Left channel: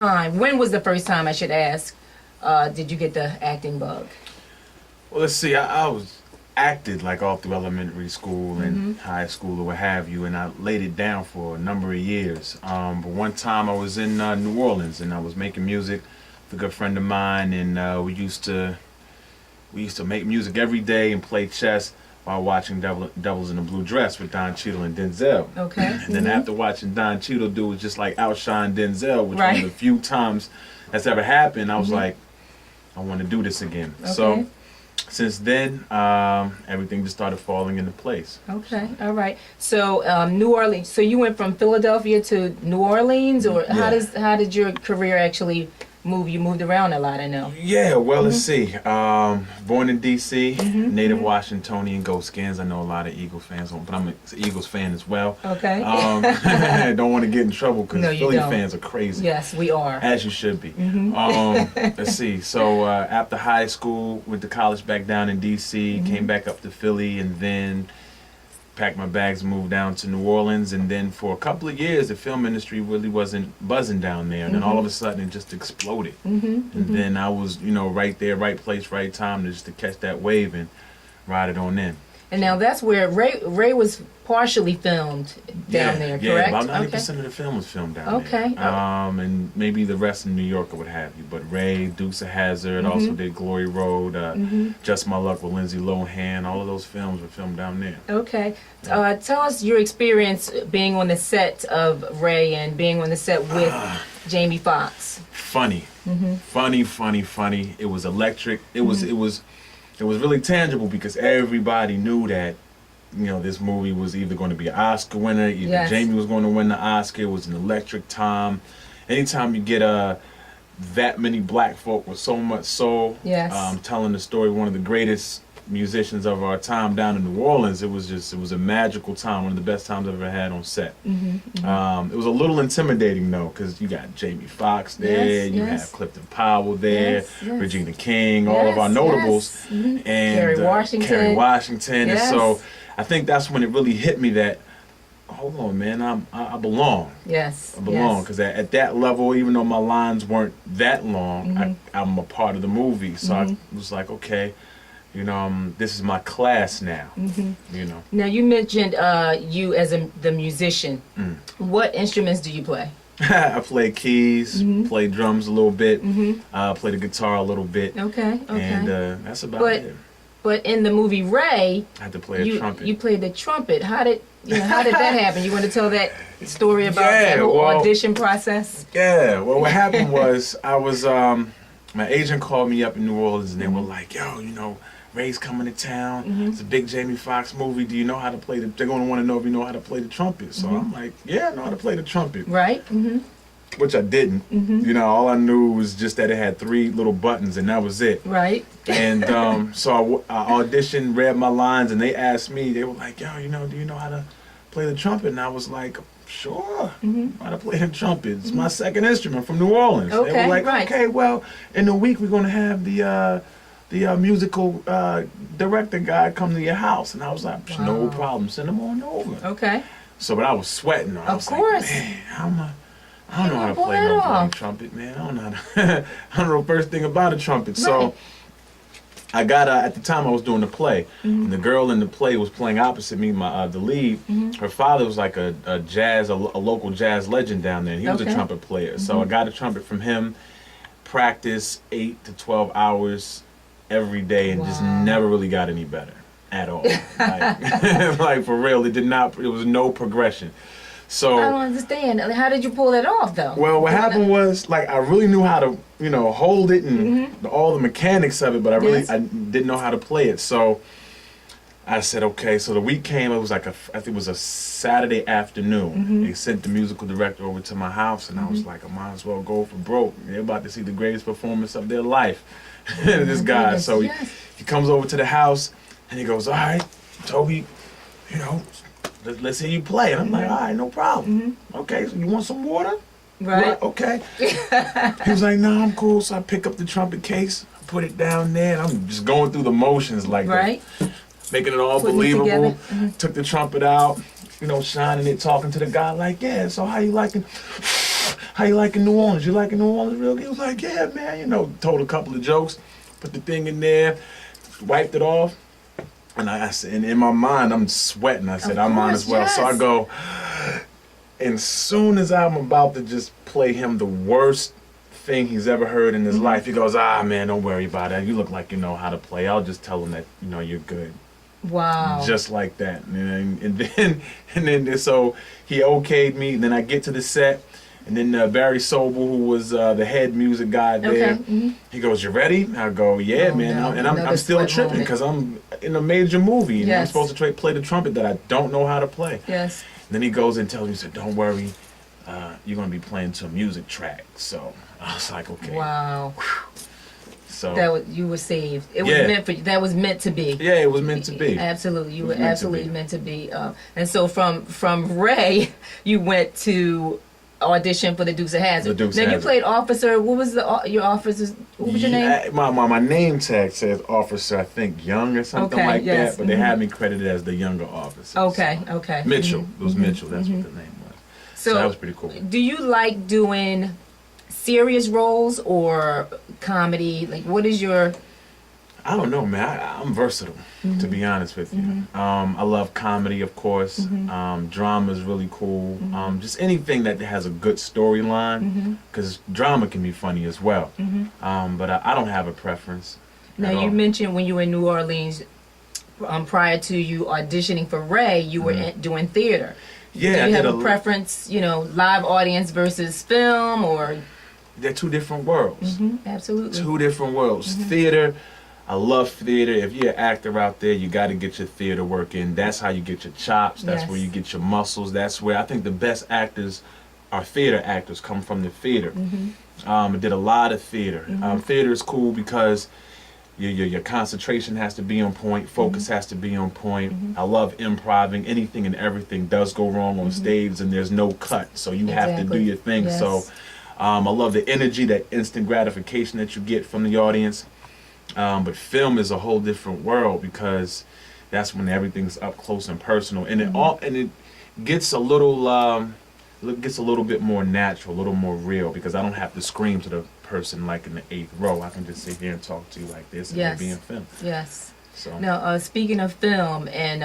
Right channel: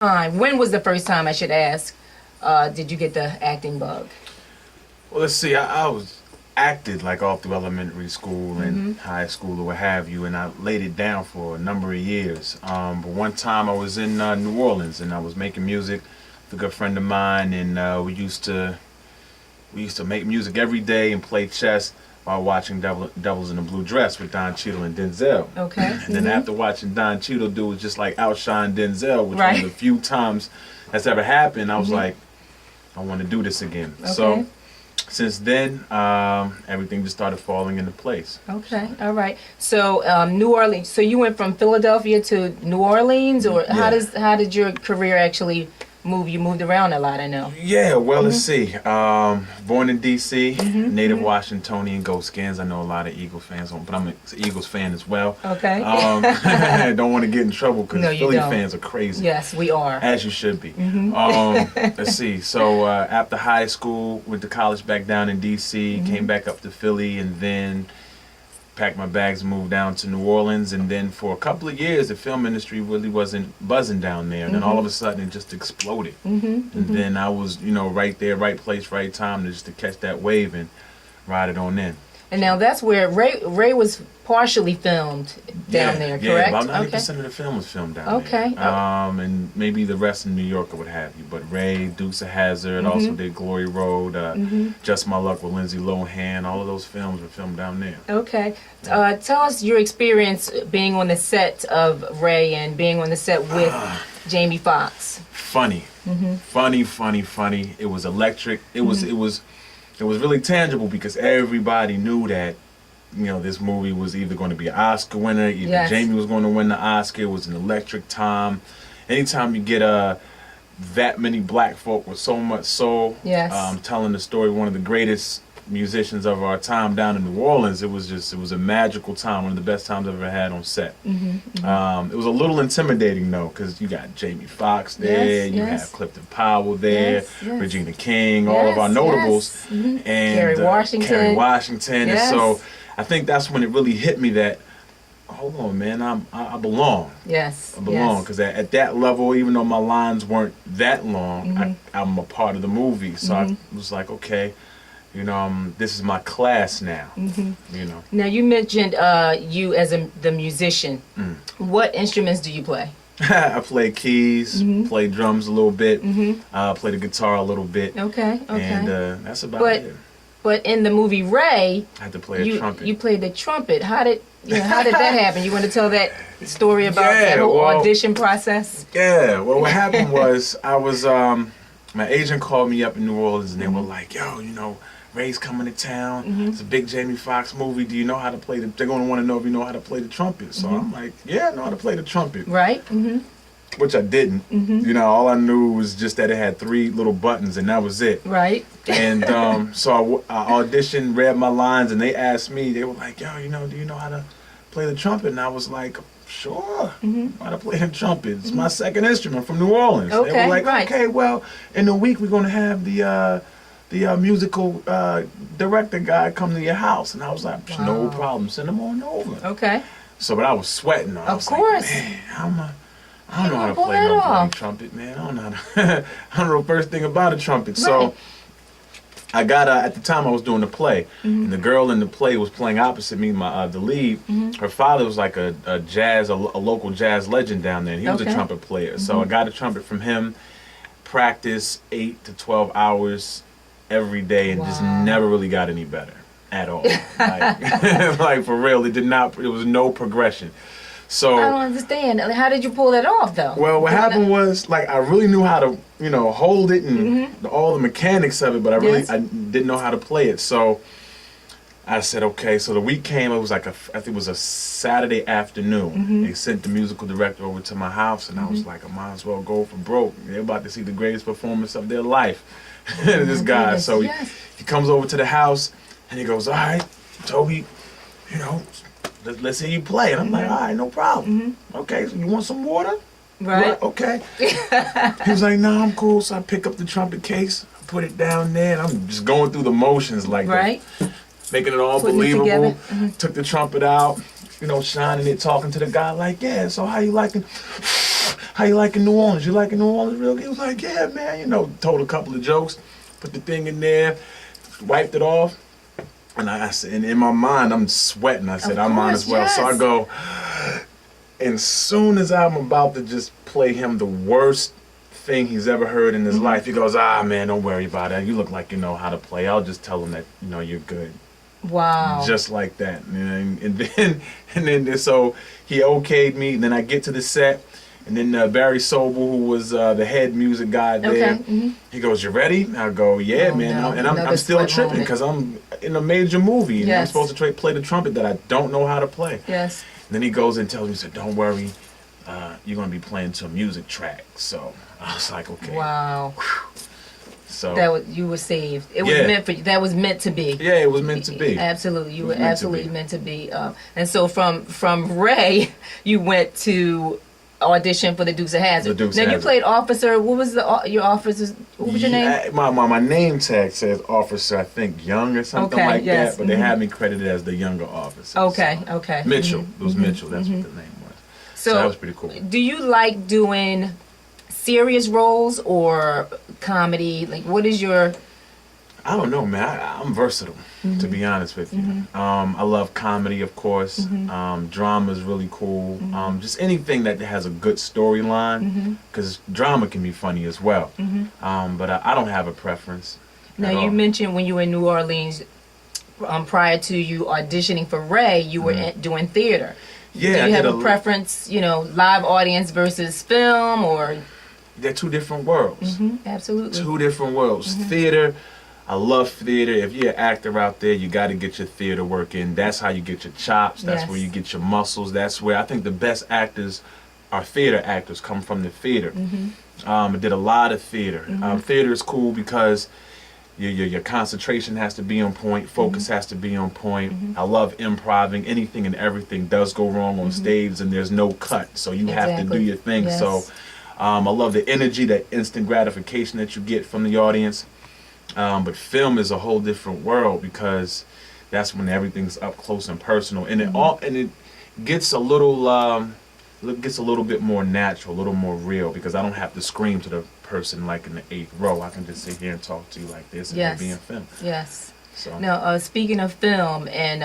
When was the first time, I should ask, did you get the acting bug? Well, let's see. I was acted like all through elementary school and high school or what have you, and I laid it down for a number of years. But one time I was in New Orleans and I was making music with a good friend of mine, and we used to make music every day and play chess while watching Devils in the Blue Dress with Don Cheadle and Denzel. Okay. And then after watching Don Cheadle do it just like outshine Denzel, which was one of the few times that's ever happened, I was like, I want to do this again. Okay. So since then, everything just started falling into place. Okay, all right. So New Orleans. So you went from Philadelphia to New Orleans, or how did your career actually move? You moved around a lot, I know. Yeah, well, let's see. Born in D.C., native Washingtonian, Go Skins. I know a lot of Eagles fans, but I'm an Eagles fan as well. Okay. I don't want to get in trouble because No, you Philly don't. fans are crazy. Yes, we are. As you should be. Let's see. So after high school, went to college back down in D.C., came back up to Philly, and then packed my bags and moved down to New Orleans. And then for a couple of years, the film industry really wasn't buzzing down there. And then all of a sudden, it just exploded. And then I was, right there, right place, right time, just to catch that wave and ride it on in. And now that's where Ray was partially filmed down there, correct? Yeah, about 90% of the film was filmed down there. Okay. And maybe the rest in New York or what have you. But Ray, Dukes of Hazzard, also did Glory Road, Just My Luck with Lindsay Lohan. All of those films were filmed down there. Okay. Tell us your experience being on the set of Ray and being on the set with Jamie Foxx. Funny. Funny. It was electric. It was really tangible because everybody knew that, this movie was either going to be an Oscar winner, either Jamie was going to win the Oscar. It was an electric time. Anytime you get that many black folk with so much soul, telling the story of one of the greatest musicians of our time down in New Orleans, it was a magical time, one of the best times I've ever had on set. It was a little intimidating though, because you got Jamie Foxx there, you have Clifton Powell there, Regina King, all of our notables, and Kerry Washington. And so I think that's when it really hit me that, hold on, man, I belong. Yes. I belong, because at that level, even though my lines weren't that long, I'm a part of the movie. So I was like, okay, this is my class now. Now you mentioned you as the musician. What instruments do you play? I play keys, play drums a little bit, play the guitar a little bit. Okay. And that's about it. But in the movie Ray, I had to play a trumpet. You played the trumpet. How did that happen? You want to tell that story about that whole audition process? Yeah. Well, what happened was I was my agent called me up in New Orleans and they were like, yo, Ray's coming to town. It's a big Jamie Foxx movie. Do you know how to play they're going to want to know if you know how to play the trumpet. So I'm like, yeah, I know how to play the trumpet. Right. Which I didn't. All I knew was just that it had 3 little buttons and that was it. Right. And so I auditioned, read my lines, and they asked me, they were like, yo, do you know how to play the trumpet? And I was like, sure, I know how to play the trumpet. It's my second instrument from New Orleans. Okay, they were like, right. okay, well, in a week we're going to have the musical director guy come to your house. And I was like, no problem, send him on over. Okay. So, but I was sweating. I was course. Like, man, I don't know how to play no bloody trumpet, man. I don't know I don't know the first thing about a trumpet. Right. So I got at the time I was doing the play, and the girl in the play was playing opposite me. The lead, her father was like a local jazz legend down there. And he was a trumpet player, so I got a trumpet from him. Practice 8 to 12 hours every day, and just never really got any better at all. Like for real, it did not. It was no progression. So I don't understand. How did you pull that off, though? Well, what happened was, like, I really knew how to, hold it and all the mechanics of it, but I didn't know how to play it. So I said, okay. So the week came. It was like I think it was a Saturday afternoon. They sent the musical director over to my house, and I was like, I might as well go for broke. They're about to see the greatest performance of their life. This guy. Goodness, so he comes over to the house, and he goes, all right, Toby, let's hear you play. And I'm like, all right, no problem. Okay, so you want some water? Right. Okay. He was like, no, I'm cool. So I pick up the trumpet case, I put it down there, and I'm just going through the motions like making it all believable. Took the trumpet out, shining it, talking to the guy like, yeah, so how you liking? how you liking New Orleans? You liking New Orleans real good? He was like, yeah, man. You know, told a couple of jokes, put the thing in there, wiped it off. And I said, and in my mind, I'm sweating. I said, I might as well. Yes. So I go, and soon as I'm about to just play him the worst thing he's ever heard in his life, he goes, man, don't worry about it. You look like you know how to play. I'll just tell him that, you know, you're good. Wow. Just like that. And then so he okayed me. And then I get to the set. And then Barry Sobel, who was the head music guy there, he goes, "You ready?" I go, "Yeah, man." No. And I'm still tripping because I'm in a major movie and I'm supposed to play the trumpet that I don't know how to play. Yes. And then he goes and tells me, he said, "Don't worry, you're gonna be playing to a music track." So I was like, "Okay." Wow. Whew. So you were saved. It was meant for you. That was meant to be. Yeah, it was meant to be. Absolutely, you were absolutely meant to be. And so from Ray, you went to audition for the Dukes of Hazzard. Now you played officer. What was your officer's? What was your name? My name tag says officer. I think Young or something like that. But they had me credited as the younger officer. Okay. Okay. Mitchell. It was Mitchell. That's what the name was. So that was pretty cool. Do you like doing serious roles or comedy? Like, what is your? I don't know, man. I'm versatile, to be honest with you. I love comedy, of course. Drama is really cool. Just anything that has a good storyline, because drama can be funny as well. But I don't have a preference. Now, you mentioned when you were in New Orleans, prior to you auditioning for Ray, you were doing theater. Yeah, do you have a preference, live audience versus film, or? They're two different worlds. Absolutely. Two different worlds. Theater. I love theater. If you're an actor out there, you got to get your theater work in. That's how you get your chops. That's where you get your muscles. That's where I think the best actors are theater actors, come from the theater. I did a lot of theater. Theater is cool because your concentration has to be on point. Focus has to be on point. I love improving. Anything and everything does go wrong on stage, and there's no cut. So you have to do your thing. Yes. So I love the energy, that instant gratification that you get from the audience. But film is a whole different world because that's when everything's up close and personal, and it gets a little bit more natural, a little more real, because I don't have to scream to the person like in the 8th row. I can just sit here and talk to you like this and be in film. Yes. So now, speaking of film and